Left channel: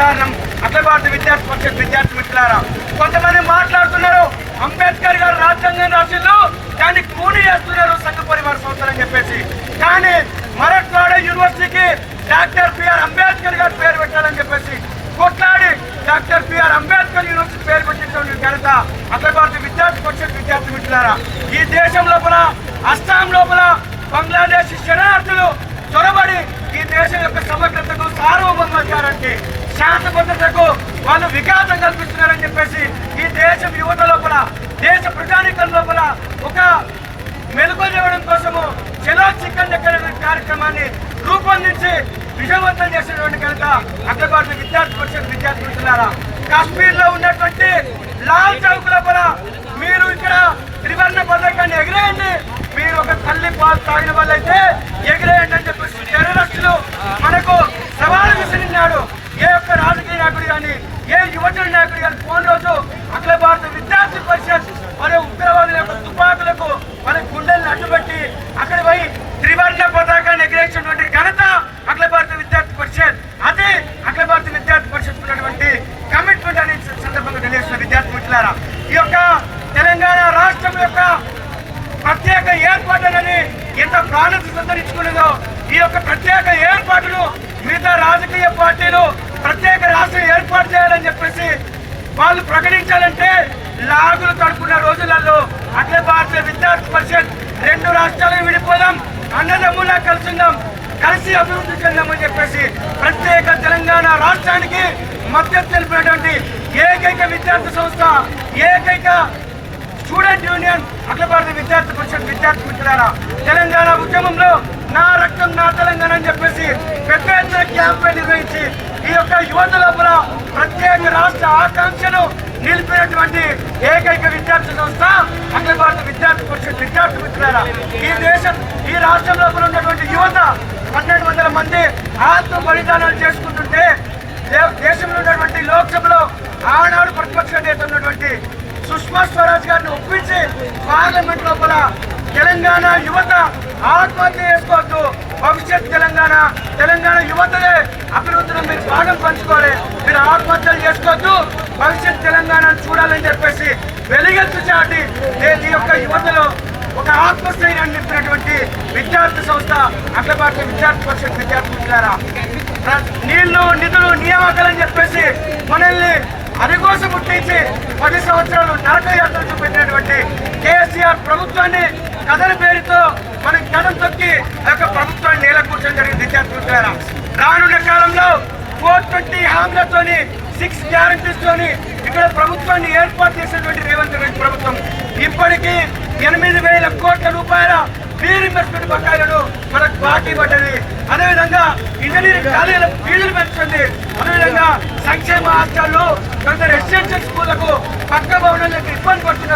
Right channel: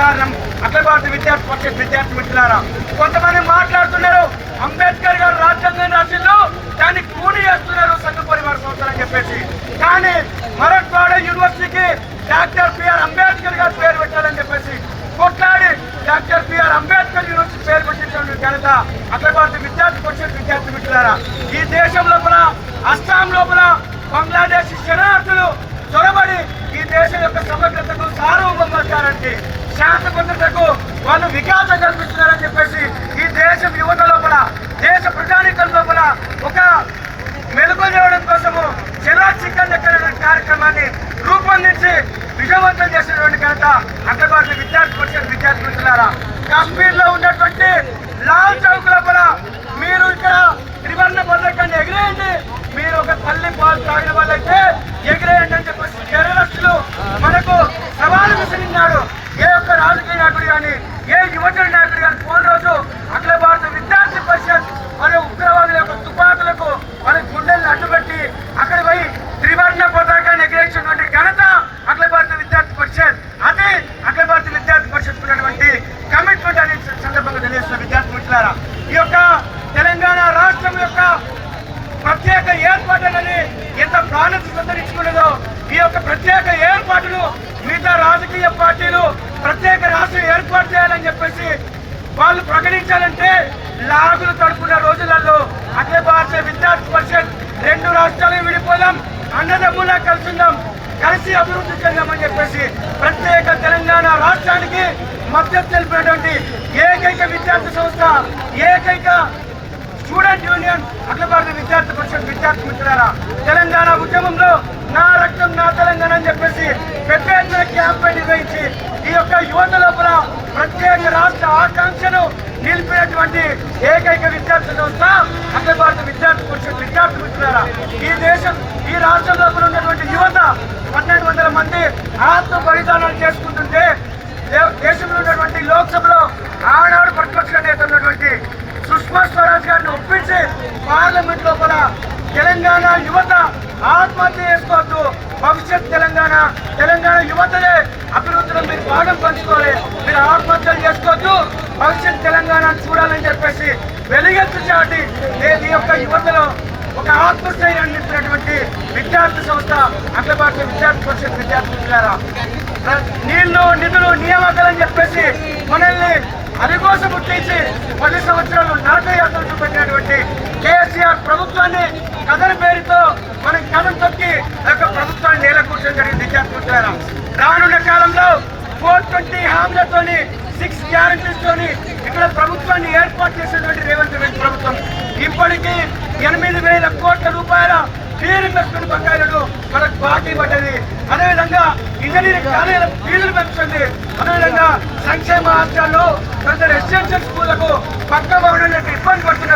కారణం అఖిల భారత విద్యార్థి పరిషత్ విద్యార్థి మిత్రులారా. కొంతమంది మాట్లాడుతున్నారు అంబేద్కర్ గారు రాజ్యాంగం రాసిండు దాన్ని కూలి చేస్తున్నారు సంఘ పరివార సంస్థలు అని చెప్పేసి. కానీ మరట్వాడ యూనివర్సిటీకి డాక్టర్ బిఆర్ అంబేద్కర్ గారు పేరు పెట్టాలని చెప్పేసి కొట్లాడి డాక్టర్ బిఆర్ అంబేద్కర్ యూనివర్సిటీ పేరు పెట్టించిన ఘనత అఖిల భారత విద్యార్థి పరిషత్ విద్యార్థి మిత్రులారా. ఈ దేశం లోపల అస్సాం లోపల బంగ్లాదేశ్ శరణార్థులు చొరబడి ఈ దేశం యొక్క సమగ్రతకు సార్వభౌమాధికారానికి శాంత భద్రతకు వాళ్ళు వికాసం కల్పిస్తున్నారని చెప్పేసి ఈ దేశం యువత లోపల దేశ ప్రజానీకం లోపల ఒక మెలుగు చేయడం కోసము చెరాక్ చిక్కన్ దగ్గర కార్యక్రమాన్ని రూపొందించి విజయవంతం చేసినటువంటి ఘనత అఖిల భారత విద్యార్థి పరిషత్ విద్యార్థి మిత్రులారా. కాశ్మీర్ లో ఉన్నటువంటి లాల్ చౌక్ లోపల మీరు ఇక్కడ త్రివర్ణ పతాకాన్ని ఎగిరేయండి, మీరు ఒక తల్లి పాలు తాగిన వాళ్ళైతే ఎగిరేయండి అని చెప్పేసి టెర్రరిస్టులు మనకు సవాలు విసిరినాడు. ఏ ఒక్క రాజకీయ నాయకుడు కానీ ఏ యువజన నాయకుడు కానీ పోయిన రోజు అఖిల భారత విద్యార్థి పరిషత్ మరి ఉగ్రవాదుల యొక్క తుపాకులకు మన గుండెలను అడ్డుపెట్టి అక్కడ పోయి త్రివర్ణ పతాకాన్ని ఎగిరేసినటువంటి ఘనత అఖిల భారత విద్యార్థి పరిషత్. అదే అఖిల భారత విద్యార్థి పరిషత్ ఉన్నటువంటి కమిట్మెంట్ అనే సందర్భంగా తెలియజేస్తున్న విద్యార్థి మిత్రులారా. ఈ యొక్క తెలంగాణ రాష్ట్రం యొక్క ప్రత్యేక ఏర్పాటులని ఎంత ప్రాణతి సంతరించుకున్నదో ఈ యొక్క ప్రత్యేక ఏర్పాటును మిగతా రాజకీయ పార్టీలు ప్రత్యేక రాష్ట్రం ఏర్పాటు చేయాలని చెప్పేసి వాళ్ళు ప్రకటించాలంటే లాగులు కడుపుకునే రోజులలో అఖిల భారత విద్యార్థి పరిషత్ రెండు రాష్ట్రాలు విడిపోదాం, అన్నదమ్ములా కలిసిందాం, కలిసి అభివృద్ధి చెందామని చెప్పేసి ప్రత్యేక తెలంగాణ రాష్ట్రానికి మద్దతు తెలిపినటువంటి ఏకైక విద్యార్థి సంస్థ, ఏకైక స్టూడెంట్ యూనియన్ అఖిల భారత విద్యార్థి పరిషత్ విద్యార్థి మిత్రులారా. తెలంగాణ ఉద్యమంలో నా రక్తం నా తెలంగాణ అని చెప్పేసి పెద్ద ఎత్తున క్యాంపెయిన్ నిర్వహించి ఈ యొక్క యువత లోపల ప్రత్యేక రాష్ట్ర ఆకాంక్షను నిలిపినటువంటి ఏకైక విద్యార్థి సంస్థ అఖిల భారత విద్యార్థి పరిషత్ విద్యార్థి మిత్రులారా. ఈ దేశం ఈ రాష్ట్రం లోపల ఉన్నటువంటి యువత 1200 మంది ఆత్మ బలిదానాలు చేసుకుంటుంటే దేశంలో ఉన్నటువంటి లోక్సభలో ఆనాడు ప్రతిపక్ష నేత ఉన్నటువంటి సుష్మా స్వరాజ్ గారిని ఒప్పించి పార్లమెంట్ లోపల తెలంగాణ యువత ఆత్మహత్య చేసుకోవద్దు, భవిష్యత్ తెలంగాణ యువతయే అభివృద్ధిలో మీరు భాగం పంచుకోవాలి, మీరు ఆత్మహత్యలు చేసుకోవద్దు, భవిష్యత్ తెలంగాణను చూడాలని చెప్పేసి వెలుగెత్తి చాటి ఈ యొక్క యువతలో ఒక ఆత్మస్థైర్యాన్ని నింపినటువంటి విద్యార్థి సంస్థ అఖిల భారత విద్యార్థి పరిషత్ విద్యార్థి మిత్రులారా. నీళ్లు నిధులు నియామకాలని చెప్పేసి మనల్ని అదికోసం ముట్టించి 10 సంవత్సరాలు నరకయాత్ర చూపెట్టినటువంటి కేసీఆర్ ప్రభుత్వాన్ని కథల పేరుతో మనం కథం తొక్కి యొక్క ప్రభుత్వాన్ని నేల కూర్చొని జరిగిన విద్యార్థి మిత్రులారా. రానున్న కాలంలో 420 హామీలతోని 6 గ్యారంటీస్ తోని ఇక్కడ ప్రభుత్వాన్ని ఏర్పాటు చేసినటువంటి రేవంత్ రెడ్డి ప్రభుత్వం ఇప్పటికీ 8,000 కోట్ల రూపాయల రీఇన్వెస్ట్మెంట్ బకాయిలను మనకు బాకీ పడ్డది. అదేవిధంగా ఇంజనీరింగ్ కాలేజీల ఫీజులు పెంచుతుంది. అదేవిధంగా సంక్షేమ హాస్టల్లో కొందరు రెసిడెన్షియల్ స్కూళ్లకు పక్క భవనాలకు ఇబ్బంది పడుతున్నారు.